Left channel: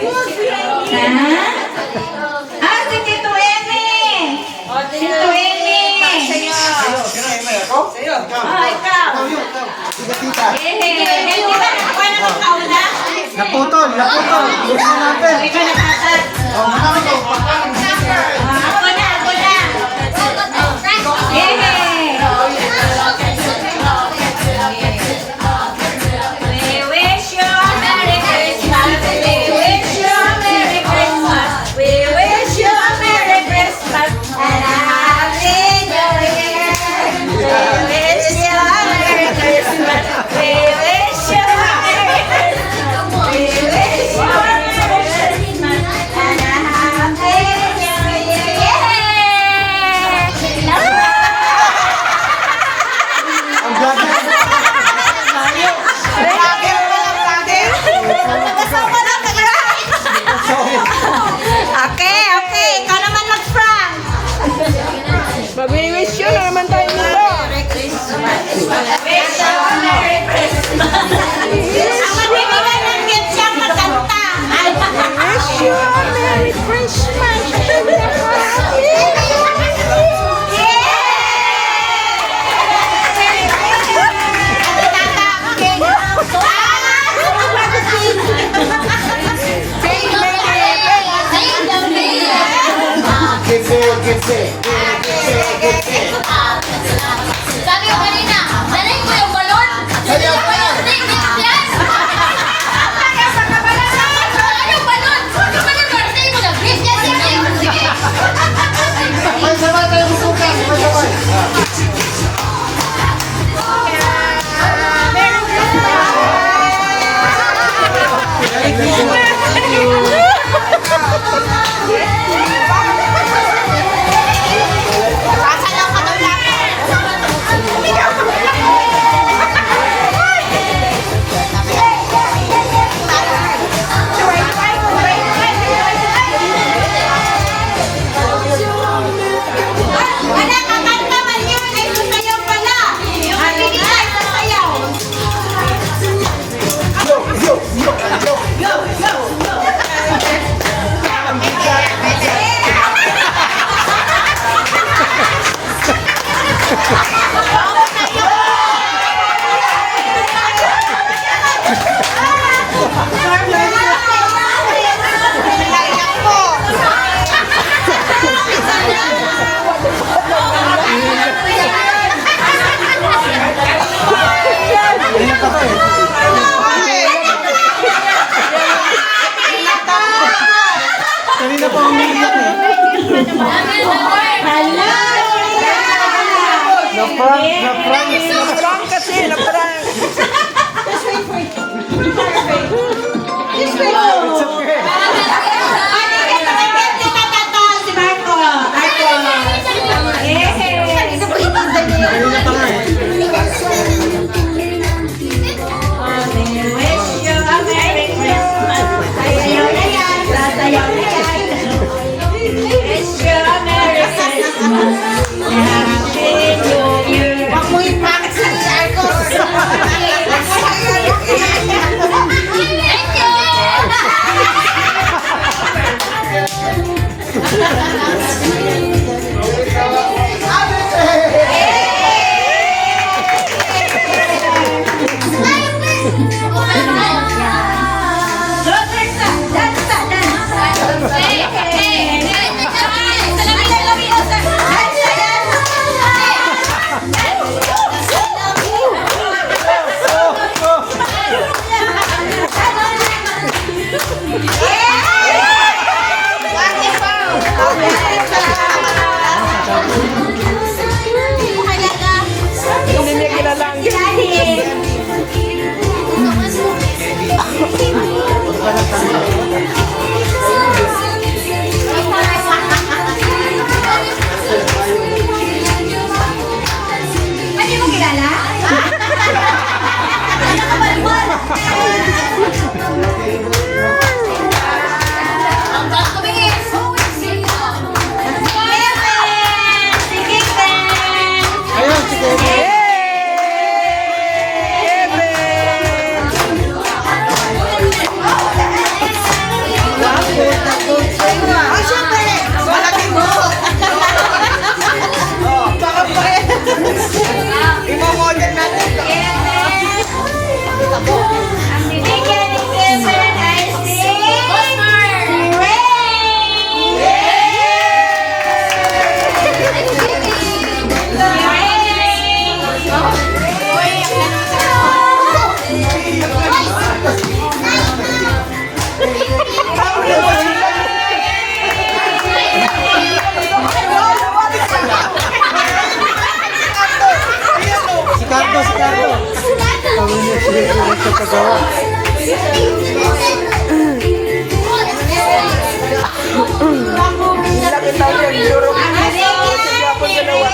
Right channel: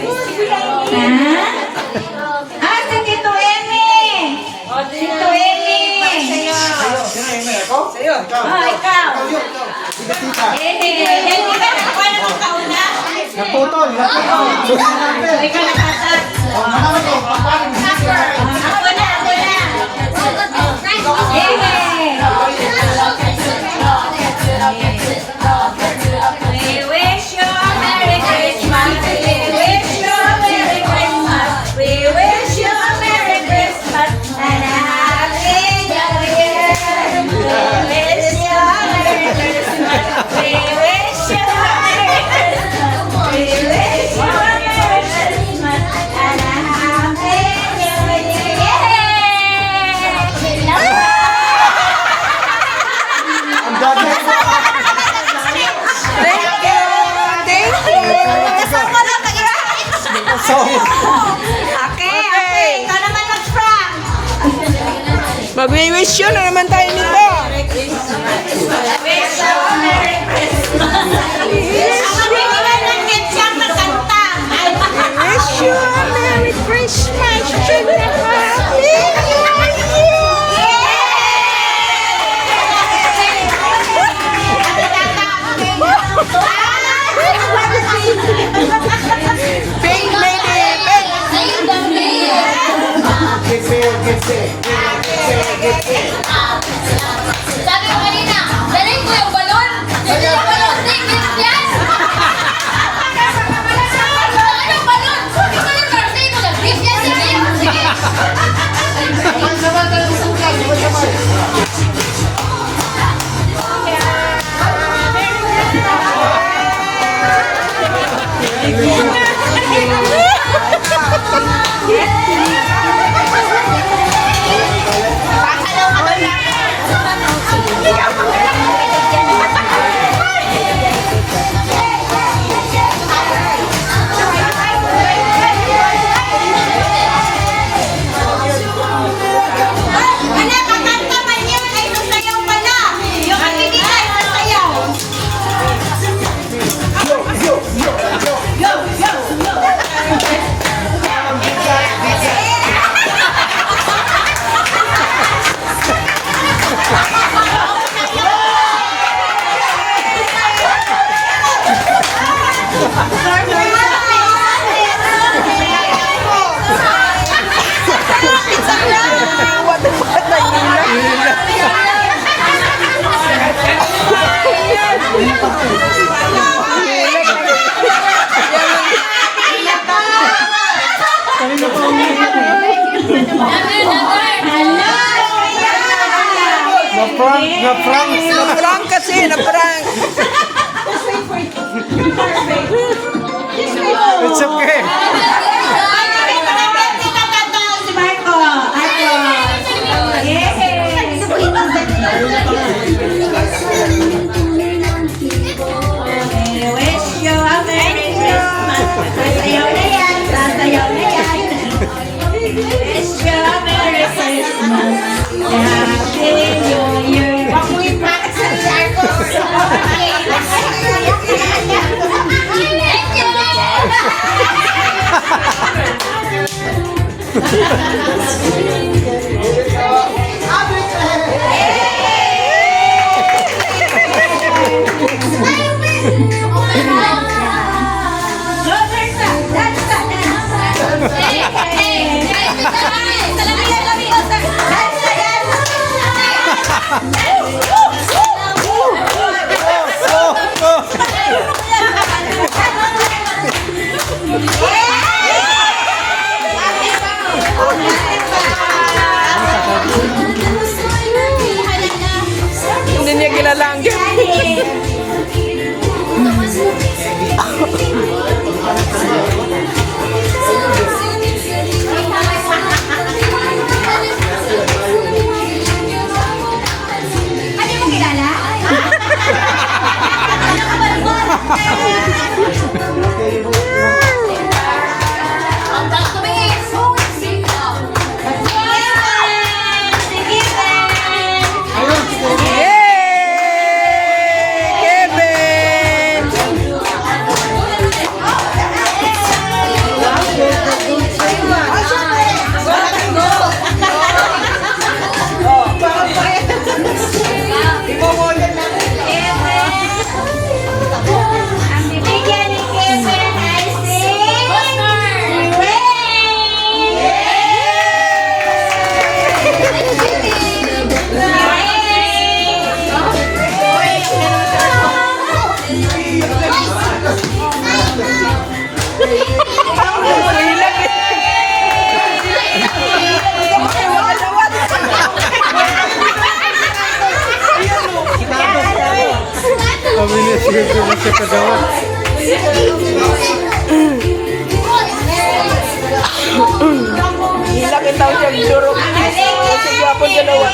Ah, si Tito Emi! Tito Emi! Sa'yo. Ah, ikaw! Tita. Hindi ba ako na kauna? Naputol. Ikaw nakatak. Manalo ko. Ako na! We wish you a Merry Christmas. We wish you a Merry Christmas. We wish you a Merry Christmas and a Happy New Year. We wish you a Merry Christmas. We wish you a Merry Christmas. We wish you a Merry Christmas and a Happy New Year. Okay. Ikaw naman mag-prank. Mag-wish yun na naman tayo nito. Wish you a Merry Christmas. Ang matiniwan ng kitsang matanta. Wish you a Merry Christmas and a Happy New Year. Sabi ko kanina, dalhin ko yung balon. Hindi yung balon. Hindi yan. Ano yung balon? Yung balon ko. Sige mo lang. Sige. Anak, kakanta man yun ay sasayaw pala. Yung kapigil ay sasayaw. Kanina pa ang umiiyak eh. Na-prank kasi, na-prank. It's okay. Si Marco. Wish you a Merry Christmas. Sasayaw na yan. Wish you a Merry Christmas. Happy New Year. Amoy bakit sa Marco. Yeah! Siyempre na siya kagawa. Laki tao siya durog. Sa Japon ganawa.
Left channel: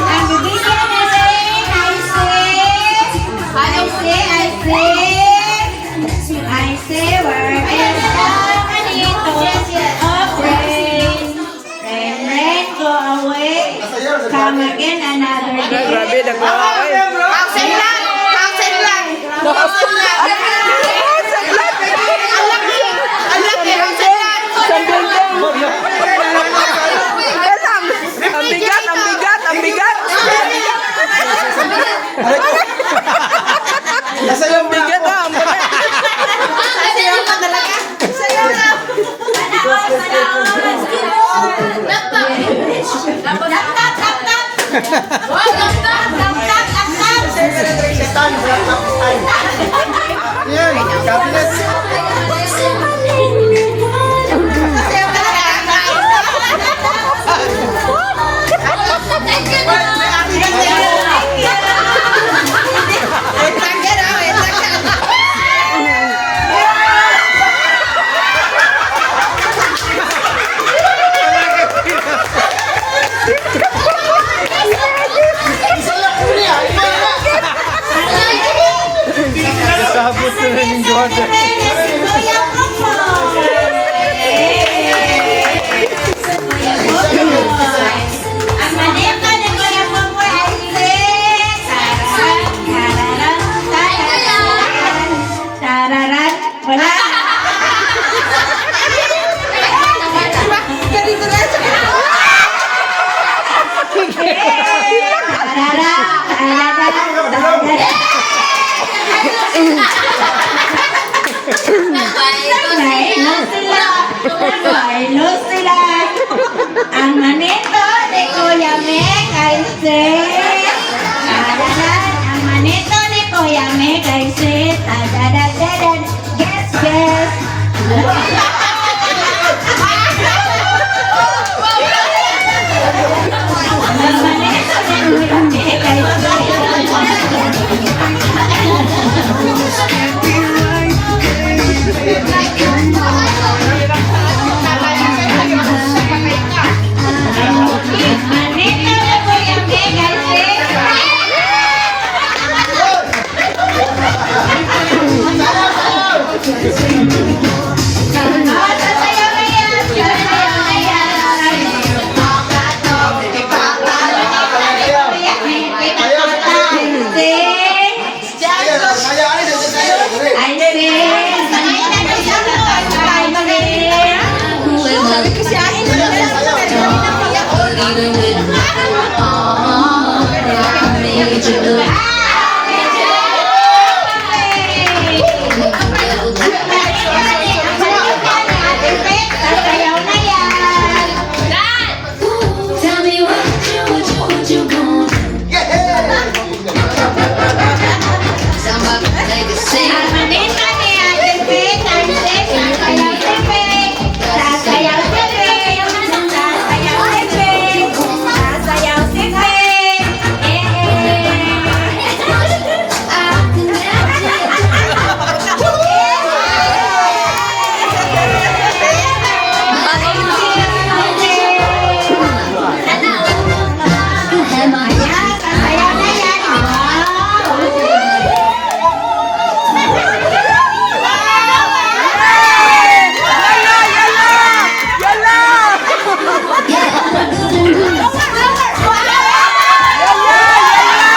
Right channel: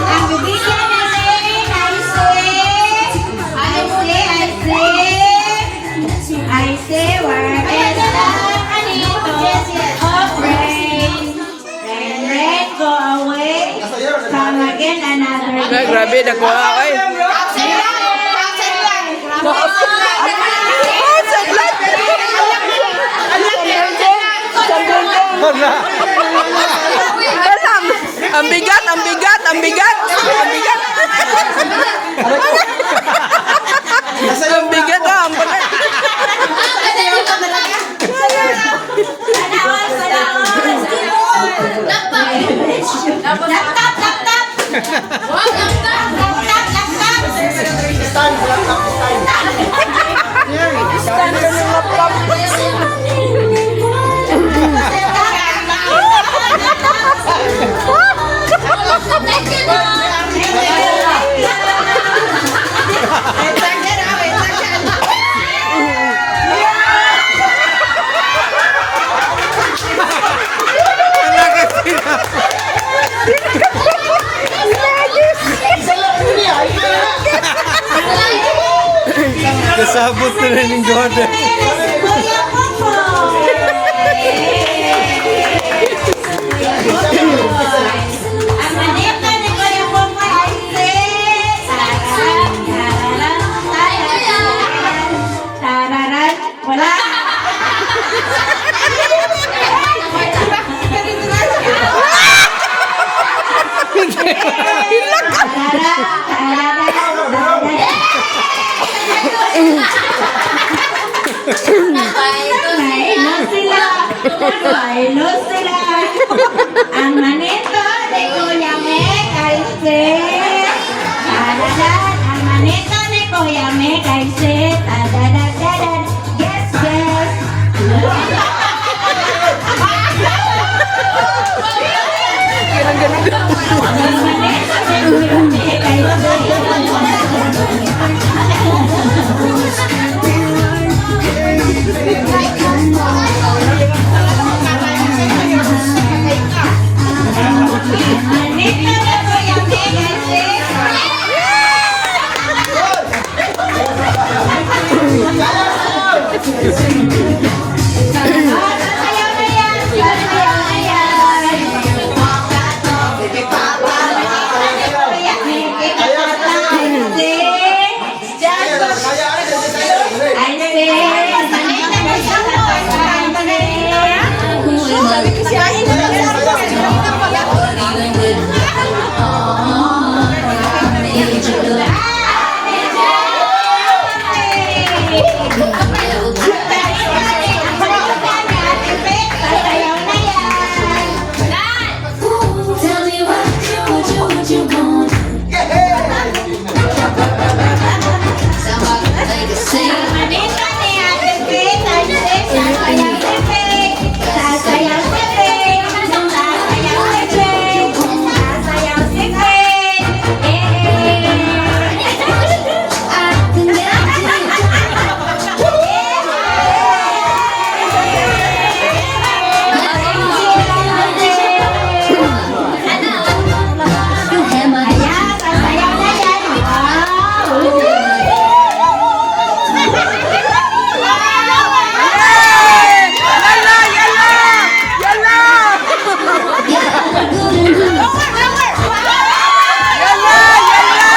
Ang bibigyan natin ay where is the anito of rain? Rain, go away. Come again another day. Grabe, nagwa ay. Ang bigat, ang bigat, ang bigat. Ang bigat ah, ang bigat. Kasabot na rin yung Jordan. Ang manita ni Kuya Popoy ay tararan. Wala. Bailo sila. Ang manito ni Kuya Mek ay tadadan. Ang manito ni Kuya Mek ay tadadadadan. Yes, yes. Ang manito ni Kuya Mek ay manito ni Kuya Mek ay sasayaw na yan, sasayaw na yan. Kuya Mek, I sing. Manita ni Kuya Mek ay sasayaw na yan. Tell me what you want. Somebody sing. Ang manita ni Ate Pet ay sasayaw si Pet. Sasayaw si Pet. Sasayaw si Pet. Sasayaw na yan. Yalla, yalla, yalla. Yalla, yalla.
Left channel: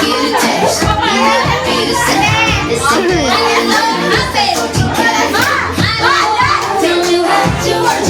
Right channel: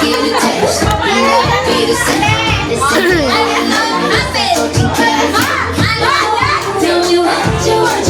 Get a taste. Get a sip. It's something I love. 14 karat. Tell me what you want.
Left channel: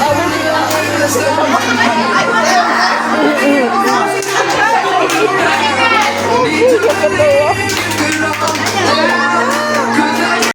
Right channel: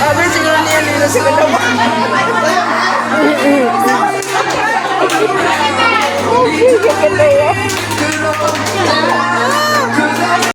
Sabi siguro niya nila sila naman.